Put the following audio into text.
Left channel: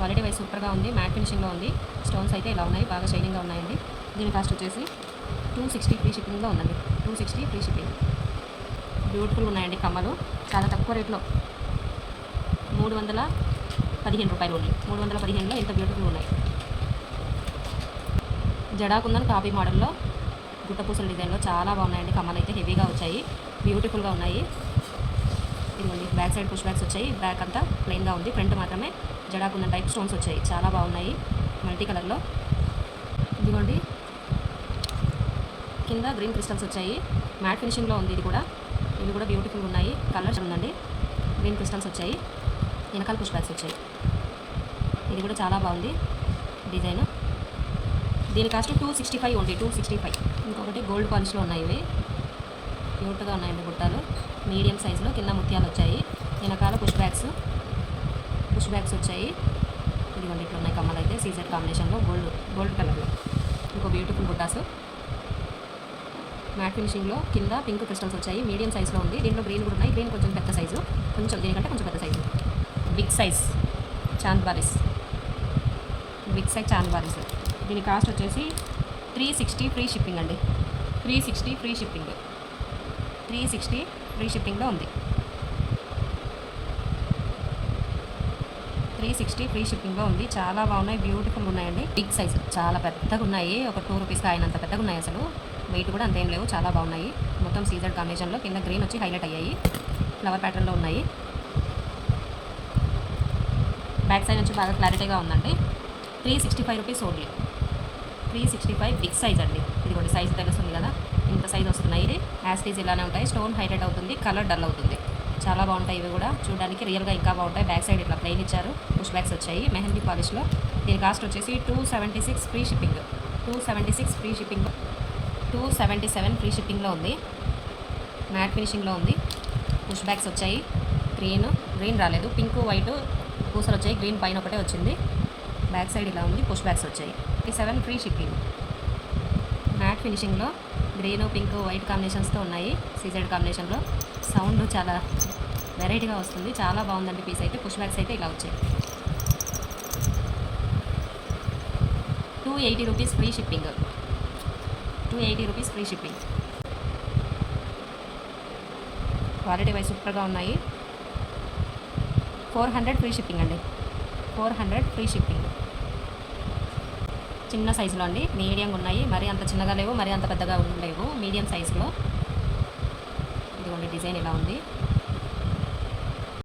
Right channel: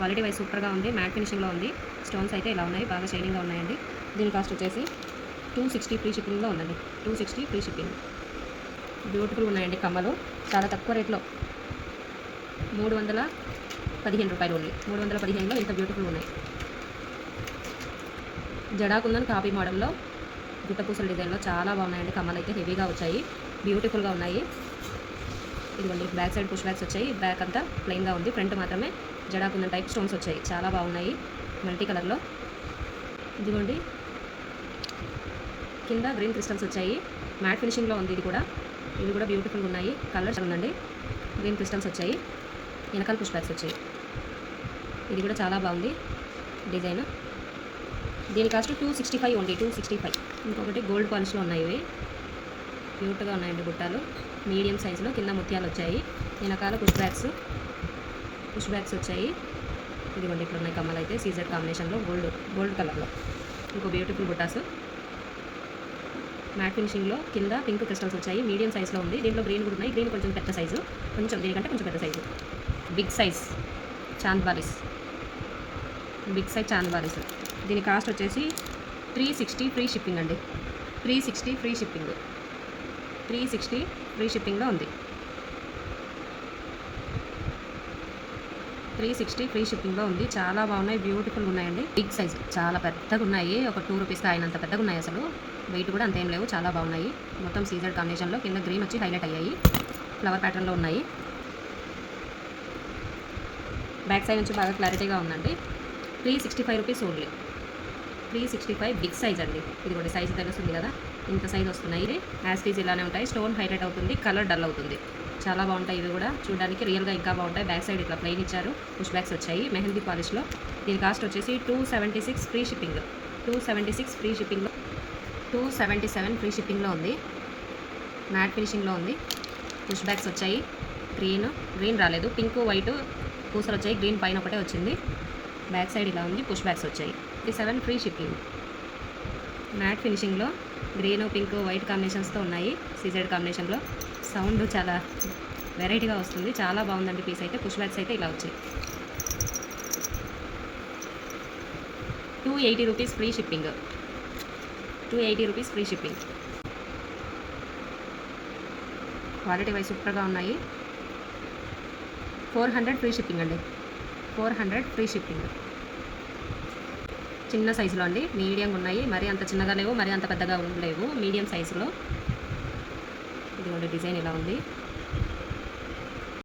Quality wise సూపర్గా ఉంది. Mat ఫినిషింగ్లో ఉంది. స్టోన్స్ అయితే ఇలా ఉన్నాయి, బాగా షైనింగ్గా ఉన్నాయండి. దీని కాస్ట్ వచ్చేసి 260 ఫ్రీ షిప్పింగ్లో ఉందండి. 260 ఫ్రీ షిప్పింగ్. బ్యూటిఫుల్ ఉన్నాయండి కమ్మలు, చాలా తక్కువ రేట్లో 315 రూపాయలు ఓన్లీ. 315లో ఇంత బ్యూటిఫుల్ ఉన్నాయి. జడాకుందని కాపీ మోడల్లో గుట్టపూసల డిజైన్లో చాలా బాగున్నాయండి. కమ్మలు అయితే హెవీగా వచ్చాయి, బ్యూటిఫుల్గా ఉన్నాయి. ఇదిగోండి బ్యాక్ సైడ్ పుష్ బ్యాగ్స్ వచ్చాయి. బ్యాక్ అంతా ప్లెయిన్గా ఉంది, ఫ్రంట్ మాత్రమే జడాకుందని టైప్ స్టోన్స్ వచ్చాయి. చాలా బాగున్నాయి మల్టీ కలర్లో. ఇదిగోండి కింద గ్రీన్ క్రిస్టల్స్ వచ్చాయి, మ్యాట్ ఫినిషింగ్లో ఉంది. ఇవి కూడా బ్యూటిఫుల్గా ఉన్నాయి. కలర్ ఉందండి, గ్రీన్ క్రిస్టల్స్ వచ్చాయి, వెనకాల పుష్ బ్యాగ్స్ వచ్చాయి. ఇది కూడా చాలా బాగుంది డిజైన్. దీని కాస్ట్ 265 ఉంది. 265. ఇంకొకటి గోల్డ్ పాలిష్లో ఉన్నాయి. ఇవి క్యూట్గా ఉన్నాయండి బుట్టాలు, మీడియం సైజులో. కింద ముత్యాలు వచ్చాయి, వెనకాల పుష్ బ్యాగ్స్ వచ్చాయి. ఇదిగోండి ఇట్లా ఉన్నాయి కమ్మలు అయితే సీజెడ్ కాంబినేషన్లో గోల్డ్ కలర్లో. ఇంకో బ్యూటిఫుల్ బుట్టాస్ మ్యాట్ ఫినిషింగ్లో. కింద పింక్ క్రిస్టల్స్ వచ్చాయి, మీడియం సైజులో ఉంది. దీంట్లో గ్రీన్ కూడా ఉన్నాయి. గ్రీన్ కొంచెం పెద్ద సైజు, దీనికంటే కొంచెం పెద్ద సైజు. బిగ్ సైజ్ చాంద్ బారీస్. దీని కాస్ట్ వచ్చేసి 360 ఫ్రీ షిప్పింగ్ అండి. 360 ఫ్రీ షిప్పింగ్. 360 ఫ్రీ షిప్పింగ్లో ఉంది. 360 ఫ్రీ షిప్పింగ్లో ఉంది. చాలా బాగున్నాయి, బ్యూటిఫుల్గా ఉన్నాయండి. బిగ్ సైజ్, చాలా పెద్దగా ఉన్నాయి. ఒక 2 రూపీస్కి అయినంత పెద్దగా ఉన్నాయి. అసలు వెయిట్ కూడా అంతేం లేవు, చాలా బాగున్నాయి. మొత్తం సీజెడ్ కాంబినేషన్లో. కింద గ్రీన్ వచ్చి హైలైట్ అయ్యాయి, ఫ్లవర్ ప్యాటర్న్లో ఉన్నాయి. బ్యాక్ సైడ్ నుంచి బాగా క్లారిటీగా ఉందండి. 365 రూపీస్ ఓన్లీ. 365 బిగ్ సైజ్ అండి. ఇది కూడా సైజ్ తెలుస్తుంది కదా, ఇంత సైజ్ వస్తున్నాయి. యాస్టీజ్ ఇలానే ఉంటాయి. స్టోన్ హైలైట్ అవుతుంది, కలర్ డల్ అవుతుంది. చాలా బాగుంటాయి ఇవి కూడా, చూడడానికి రియల్గా ఇంకా బాగుంటాయి. బ్యాక్ సైడ్ ఇట్లా ప్లెయిన్ ఇచ్చారు, పుష్ బ్యాగ్స్ వచ్చాయి మెహందీ పాలిష్లో. దీని కాస్ట్ వచ్చేసి 276 ఫ్రీ షిప్పింగ్. 276 ఫ్రీ షిప్పింగ్లో. 277 ఫ్రీ షిప్పింగ్లో ఉంది. మ్యాట్ ఫినిషింగ్లో ఉంది. పుష్ బ్యాగ్స్ వచ్చాయి. గ్రీన్ రాలేదు, పింక్ వైట్ పూసలు వచ్చాయి. గ్రీన్ పైన ఒకటే వచ్చింది. బ్యాక్ సైడ్ ఇలా ఉంది, పుష్ బ్యాగ్స్ వచ్చాయి. 7 ఫ్రీ షిప్పింగ్. మ్యాట్ ఫినిషింగ్లో గ్రీన్ పింక్ వైట్ కాంబినేషన్స్తో ఉన్నాయి, సీజెడ్ కాంబినేషన్లో. సౌండ్ చాలా వెరైటీగా వస్తుంది, చాలా బాగుందండి పీస్ అయితే. పుష్ బ్యాగ్స్ అయితే ఇలా వచ్చాయి. 280 rupees free shipping. 280 rupees free shipping. Quality wise సూపర్గా ఉన్నాయి. 400 ఫ్రీ షిప్పింగ్ అండి. 400 ఫ్రీ షిప్పింగ్. చిన్న సైజులో అండి, మీడియంగా ఉన్నాయి. మరి అంత చిన్నగా లేవు, మరి అంత పెద్దగా లేవు, మీడియం సైజులో. ఇదిగోండి డిజైన్ ఇలా ఉంది.